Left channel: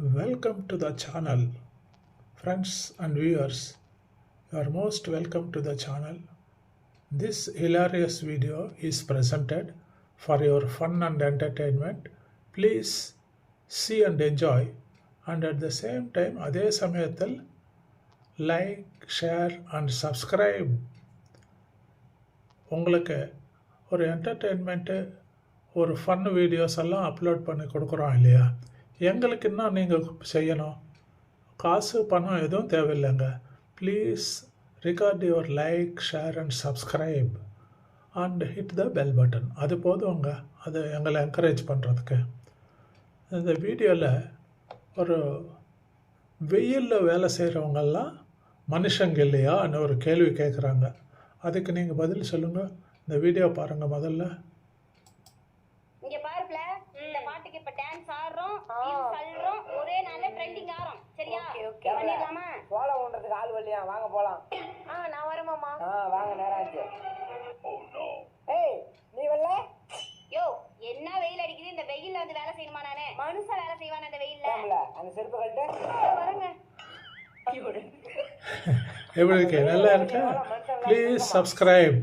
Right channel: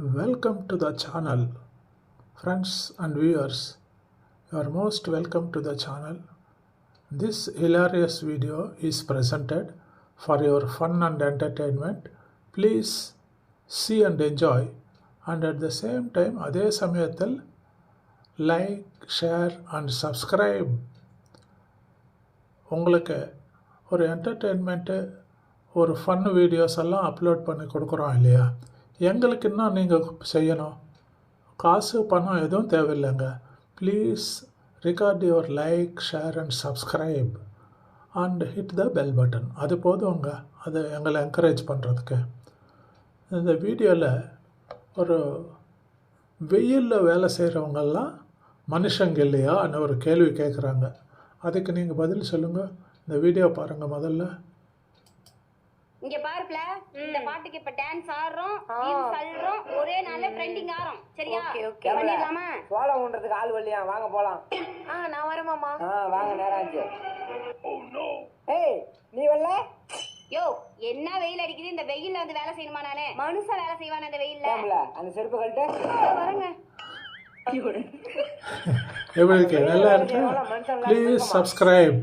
Welcome to the channel, friends and viewers. You are most welcome to the channel. This hilarious video is presented for your fun and entertainment. Please see and enjoy, and at the same time அதே சமயத்தில் like share and subscribe. உங்களுக்கு ஒரு என்டர்டெயின்மெண்ட்டு ஒரு fun videos எல்லாம் upload பண்ணி கொடுக்குறோம் இல்லையா? எங்களுக்கு இன்னும் நீங்கள் செய்யணும், காசு பணம் எதுவும் தேவையில்லைங்க. Please record your like share and subscribe and hit the bell button. அது போதுங்க, அது எங்களை என்கரேஜ் பண்ணுறதுக்கு. இந்த வீடியோவில் ஒரு வெயிலில் வேலை செய்கிறவங்கெல்லாம் மனுஷங்க இல்லையான்னு ஒரு கேள்வி கேட்குறாங்க. அதுக்கு நீங்கள் பதில் சொல்லுங்கள். இந்த வீடியோ பாருங்கள். முதல்ல இங்க பாருப்ல, இந்த பாட்டுக்கு இப்ப டான்ஸ் ஆடுறோம், ரீல்ஸ் அல்றோம், ஒரே நாள்ல ட்ரெண்டிங் ஆறோம். சரியா? பண்ணிடலாமா? சோளம் ஊன்றதுக்கு ஆள் வரலையா? வாங்க போலாம். நான் வரேன் மாமா. வாங்க, நேரம் ஆச்சு. ஏய், நீ வரல? யோ, என்ன வெயில் அடிக்குது? இந்த வெயில்ல வந்து வேலை செய்யணுமா? நானே மனுஷன் வேலை செய்வானே இந்த வெயில்ல? அந்த செருப்பு கழட்டு. வரேங்க. எப்படி இருக்கு? நல்லா இருக்கா? Please subscribe.